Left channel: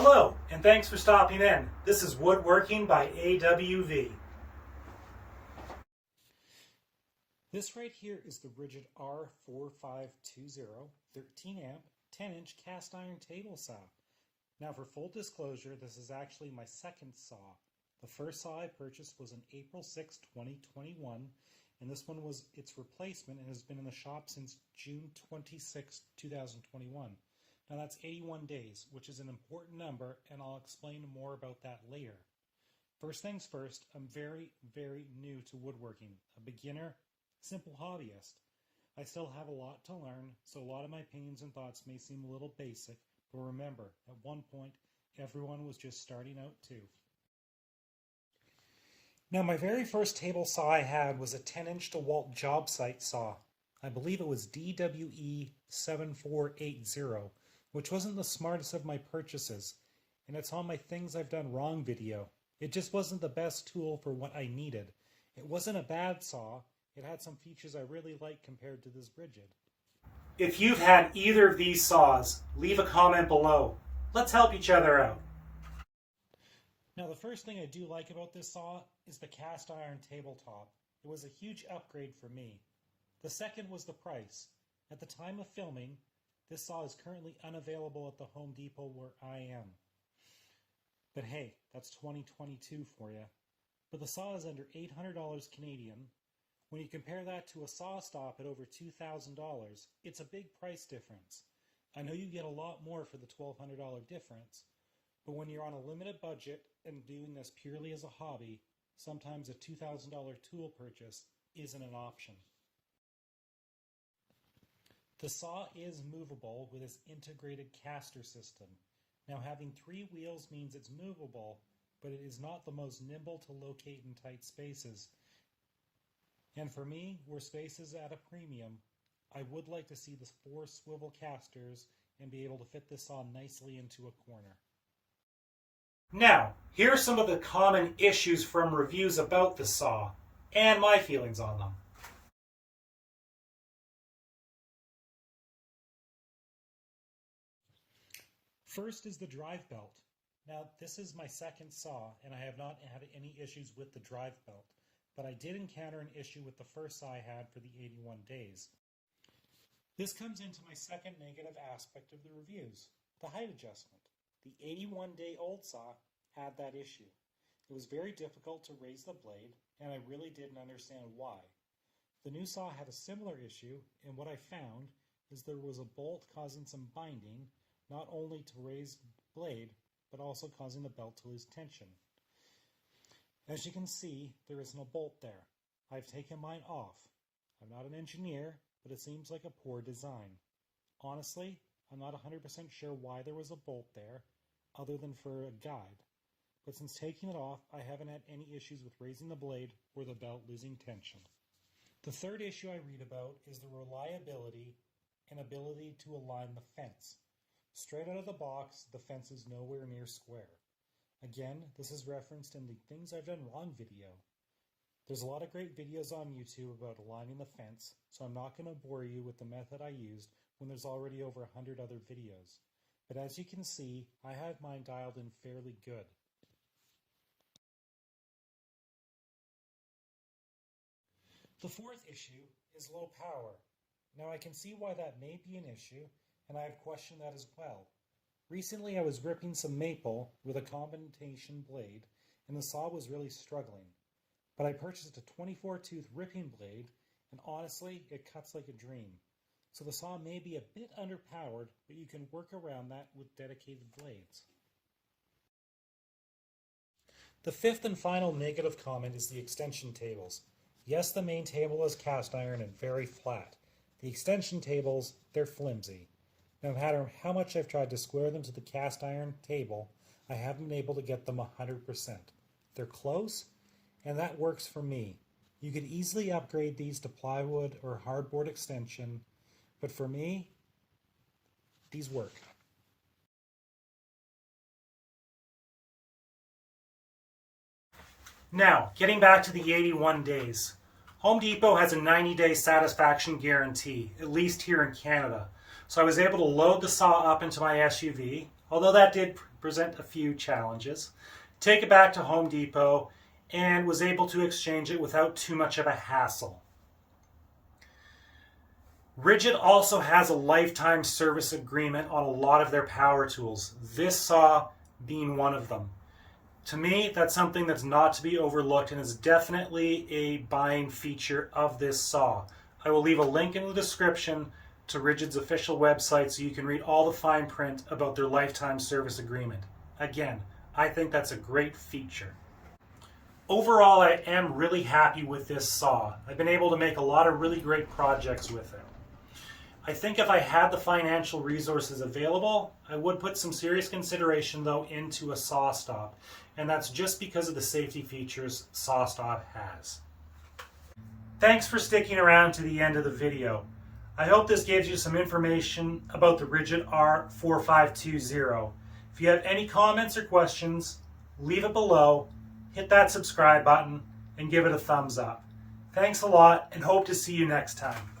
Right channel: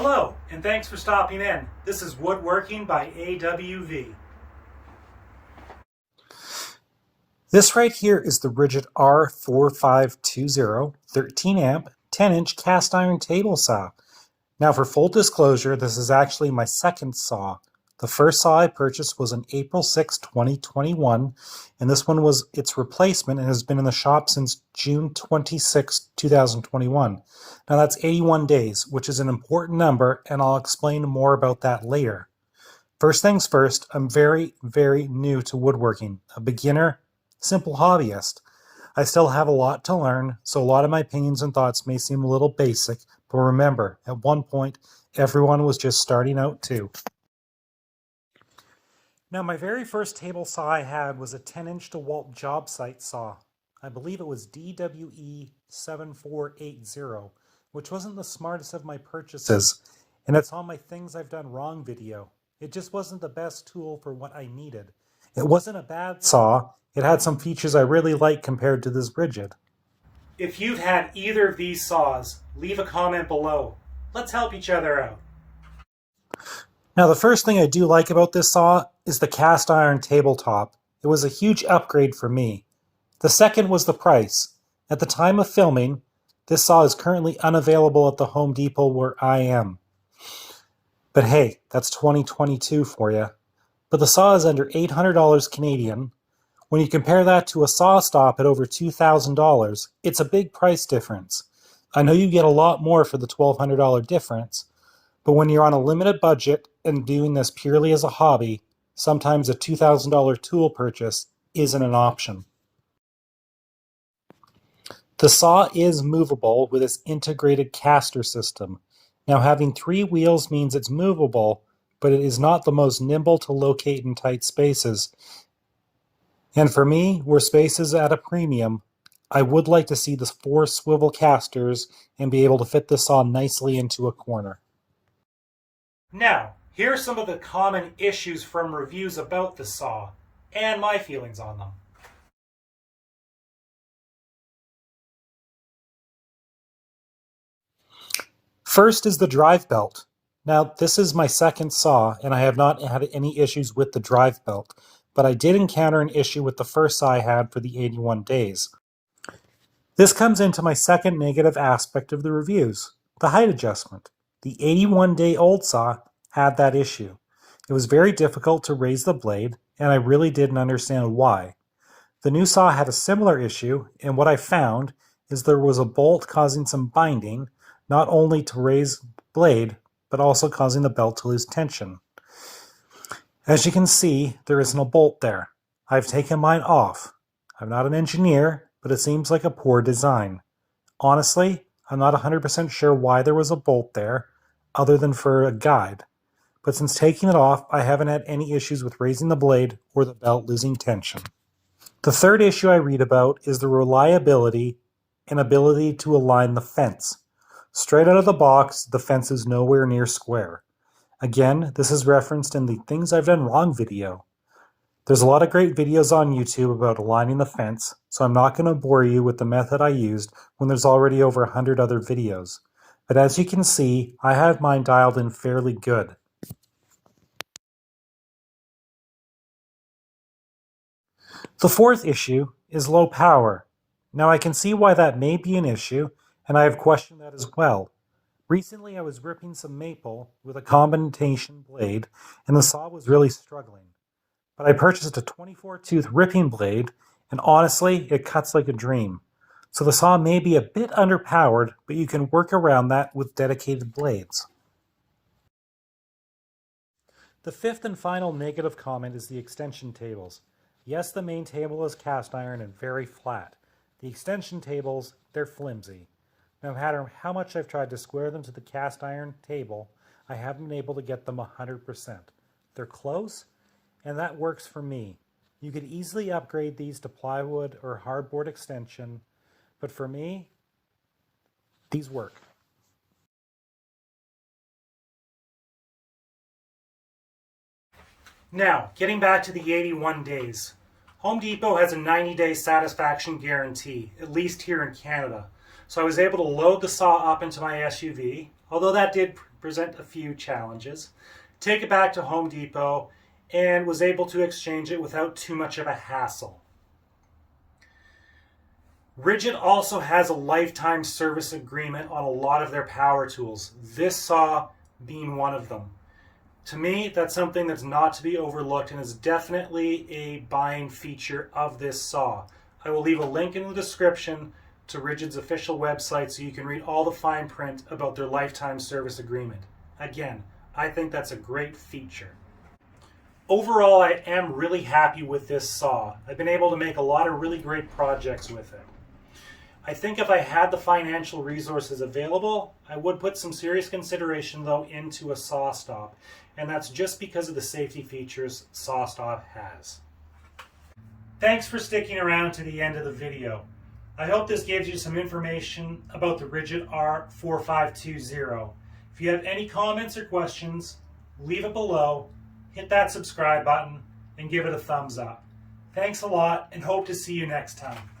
Hello, and thanks for stopping in. This is Woodworking by AWV. This right here is the RIDGID R4520 13 amp 10 inch cast iron table saw. Now for full disclosure, this is actually my second saw. The first saw I purchased was on April 6, 2021, and this one was its replacement and has been in the shop since June 26, 2021. Now that's 81 days, which is an important number, and I'll explain more about that later. First things first, I'm very, very new to woodworking, a beginner, simple hobbyist. I still have a lot to learn, so a lot of my opinions and thoughts may seem a little basic, but remember, at one point, everyone was just starting out too. Now, my very first table saw I had was a 10-inch DeWalt job site saw. I believe it was DWE 7480, which wasn't the smartest of my purchases, and it's on my Things I've Done Wrong video. It just wasn't the best tool for what I needed. It wasn't a bad saw. It had some features I really like compared to this RIDGID. If you've had either of these saws, leave a comment below. Let's help each other out. Now, the first thing I do like about this saw is the cast iron tabletop. It was a huge upgrade for me. The second was the price. At the time of filming, this saw is currently unavailable at the Home Depot where I am. But hey, that's 2022 for you. But the saw is under $800 Canadian. When you compare that to a saw stop at over $2,000, it's a big price difference. I know you get a lot more for the $1,200 difference, but when you're on a limited budget and doing this purely as a hobby, sometimes a $2,000 tool purchase isn't an option. The saw is movable with its integrated caster system. Now, having 3 wheels means it's movable, but it is not the most nimble to locate in tight spaces. And for me, where space is at a premium, I would like to see the 4 swivel casters and be able to fit the saw nicely into a corner. Now, here are some of the common issues from reviews about the saw, and my feelings on them. First is the drive belt. Now, this is my second saw, and I have not had any issues with the drive belt, but I did encounter an issue with the first saw I had for the 81 days. This comes into my second negative aspect of the reviews, the height adjustment. The 81-day-old saw had that issue. It was very difficult to raise the blade, and I really didn't understand why. The new saw had a similar issue, and what I found is there was a bolt causing some binding, not only to raise the blade, but also causing the belt to lose tension. As you can see, there isn't a bolt there. I've taken mine off. I'm not an engineer, but it seems like a poor design. Honestly, I'm not 100% sure why there was a bolt there, other than for a guide. But since taking it off, I haven't had any issues with raising the blade or the belt losing tension. The third issue I read about is the reliability and ability to align the fence. Straight out of the box, the fence is nowhere near square. Again, this is referenced in the Things I've Done Wrong video. There's a lot of great videos on YouTube about aligning the fence, so I'm not going to bore you with the method I used when there's already over 100 other videos. But as you can see, I have mine dialed in fairly good. The fourth issue is low power. Now I can see why that may be an issue, and I have questioned that as well. Recently I was ripping some maple with a combination blade, and the saw was really struggling. But I purchased a 24-tooth ripping blade, and honestly, it cuts like a dream. So the saw may be a bit underpowered, but you can work around that with dedicated blades. The fifth and final negative comment is the extension tables. Yes, the main table is cast iron and very flat. The extension tables, they're flimsy. No matter how much I've tried to square them to the cast iron table, I haven't been able to get them 100%. They're close, and that works for me. You could easily upgrade these to plywood or hardboard extension, but for me, these work. Now, getting back to the 81 days. Home Depot has a 90-day satisfaction guarantee, at least here in Canada. So I was able to load the saw up into my SUV, although that did present a few challenges. Take it back to Home Depot and was able to exchange it without too much of a hassle. RIDGID also has a lifetime service agreement on a lot of their power tools, this saw being one of them. To me, that's something that's not to be overlooked and is definitely a buying feature of this saw. I will leave a link in the description to RIDGID's official website so you can read all the fine print about their lifetime service agreement. Again, I think that's a great feature. Overall, I am really happy with this saw. I've been able to make a lot of really great projects with it. I think if I had the financial resources available, I would put some serious consideration though into a saw stop, and that's just because of the safety features saw stop has. Thanks for sticking around to the end of the video. I hope this gives you some information about the RIDGID R4520. If you have any comments or questions, leave it below, hit that subscribe button, and give it a thumbs up. Thanks a lot and hope to see you next time.